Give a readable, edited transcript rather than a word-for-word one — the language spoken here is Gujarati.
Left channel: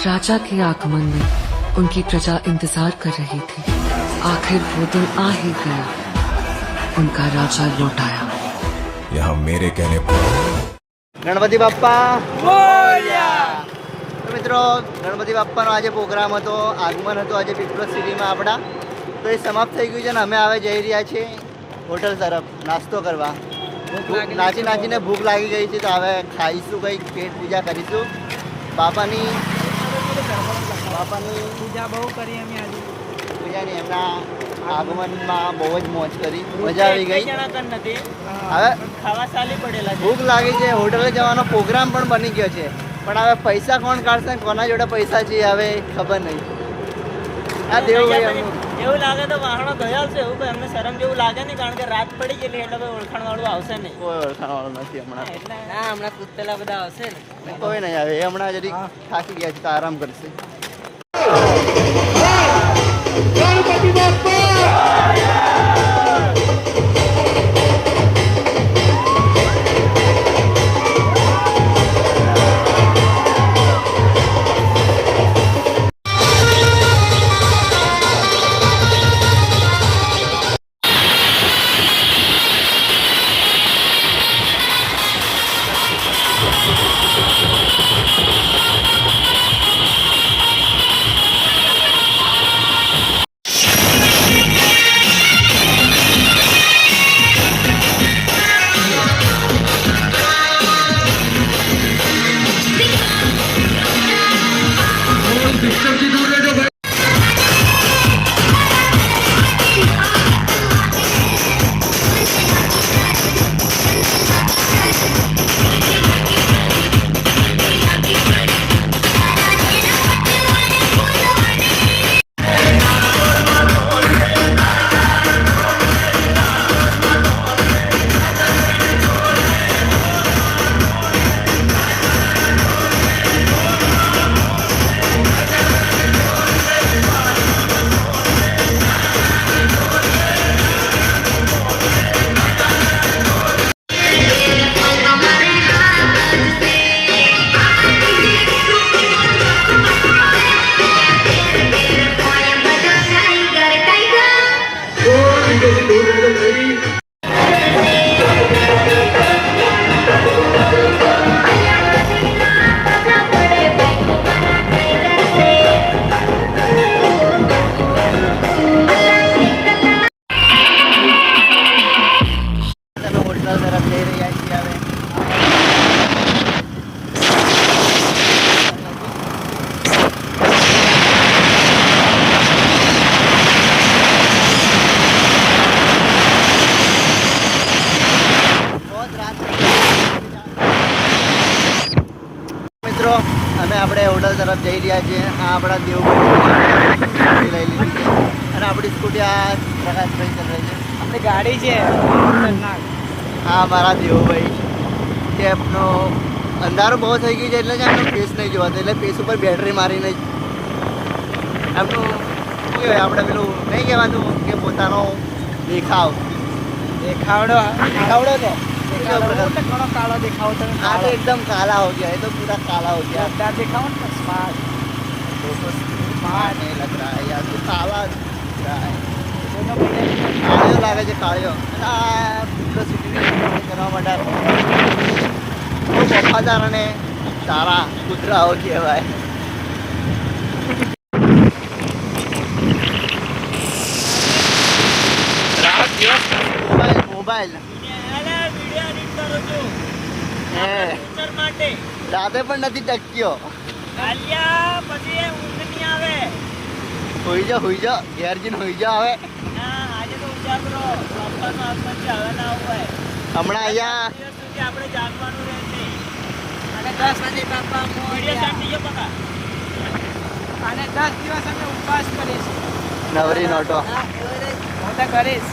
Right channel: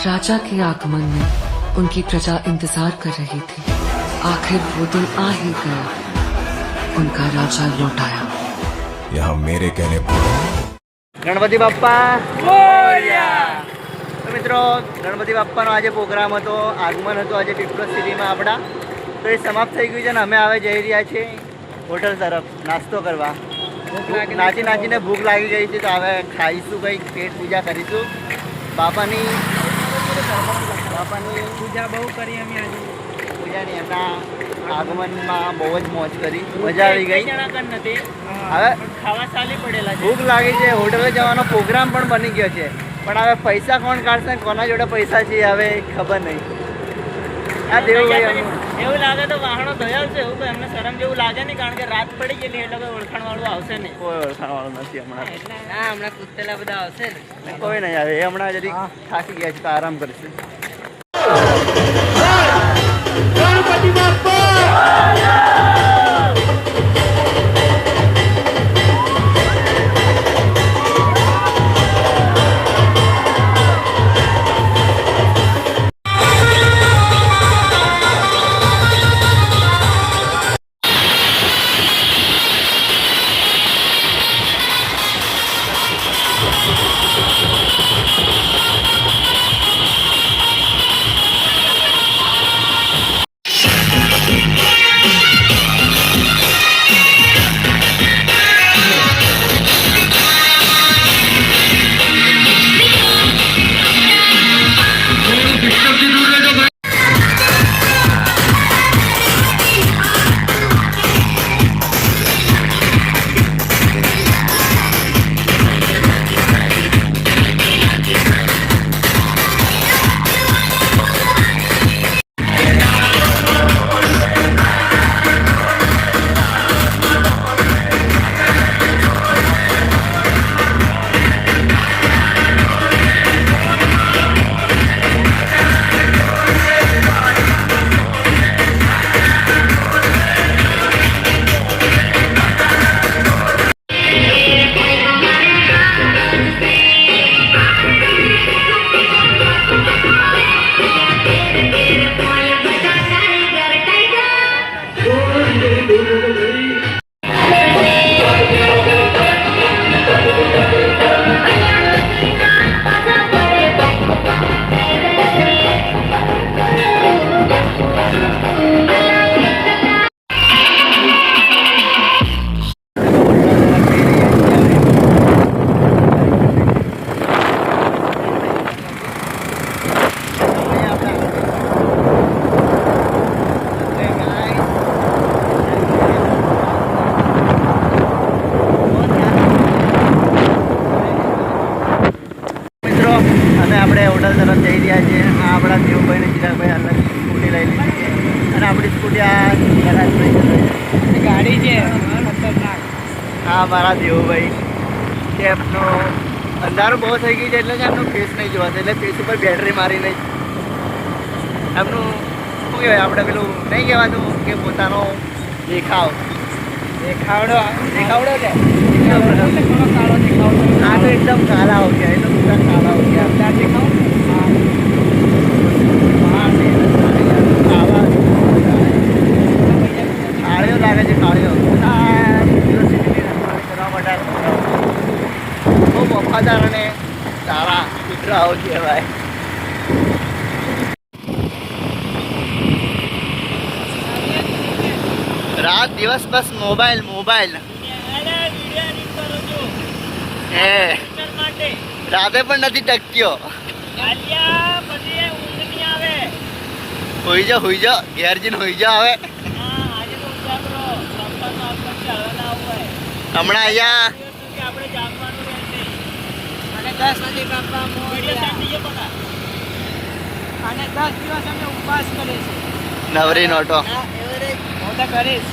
राजा के आगमन में उनकी प्रजा इंतजार कर रही थी। आखिर वो दिन आ ही गया, उनका राजा लौट आया। यहाँ मेरे कहने पर ગણપતિ બાપ્પા બોલ્યા। તો મિત્રો ગણપતિ બાપ્પાનો આજે પ્રોગ્રામ હતો, આગમન હતું આજે પીપલોદ સિટીમાં આપણા। તો એ સમાપ્ત થઈ ગયું છે ને અમે હવે જઈ રહ્યા છીએ હોટલ તરફ નાસ્તો કરવા। નાચી નાચીને ભૂખ લાગી ગઈ છે, તો હવે ખાઈશું, કંઈક પેટ પૂજા કરીશું। બાપાની પૂજા બહુ કરી અમે આજે। પૂજાની એમના આગમનમાં બહુ જ મોજ કરી, મજા આવી ગઈ। નથી હવે ખાવા ચાલી પડેલા છે। ભૂખ લાગી છે, હોટલે જવાનો પ્રોગ્રામ પણ બની ગયો છે, પણ હવે પૈસા કોણ કાઢશે, કોના જોડે પૈસા છે હવે ખબર નહીં। આ દેવભાઈ એમનું એવું લાગે તો વાહણો ધોયા છે, એવું કોઈ અમને શરમ જેવું લાગે નહીં, કારણ કે રાત પડી ગયેલી એટલે કોઈ ઓળખાણ વાળું આવશે નહીં। કોઈ ઓળખાણવાળું નથી હમણાં, એટલે ના હમણાં કૂદતેલા બધા આવશે ને। કોઈ નહીં આવે। એ હમણાં જરી થાકી ગયા છે તો આરામ કરશે। અમે આપણે હોટલ તરફ જઈ રહ્યા છીએ। આ આપણા દેવભાઈની સ્કૂટી લઈ લીધી છે અને આપણી સ્કૂટી આ ગરાજભાઈ ચલાવે છે, ગાડી છે હા મારા દેવભાઈ। એમનો અંધારું બહુ થઈ ગયું છે એટલે કે એમનું ફેસ નહીં જોવાતું, એટલે ફેસ ઉપર બેટરી મારીને એમનું શું કહેવાય આપણે પેલું નહીં કહેવાતું કે પોતાનો દેખાવ દેખાવડો કે થોડો કાળો દેખાવડો। हाँ तो एकदम काला हो गया है, तो पूरा काला हो गया। अंदर दिखाओ ना स्मार्ट नहीं लग रहा है यार, काला काळियो लागे છે કાળિયો। કરવા માટે બહુ વફાદાર અને સારા કૂતરાઓ કહેવાય। રાત દિવસ બસ મોબાઈલ મોબાઈલ હે, રાતે પણ નથી ટક્યો। હોઈ જા ઘેર જઈને હોઈ જા હવે। હમણાં અહીંયા અને 10 દિવસ અમે ઉપવાસ કરીશું। નવરી નોટો હું તો કરીશ।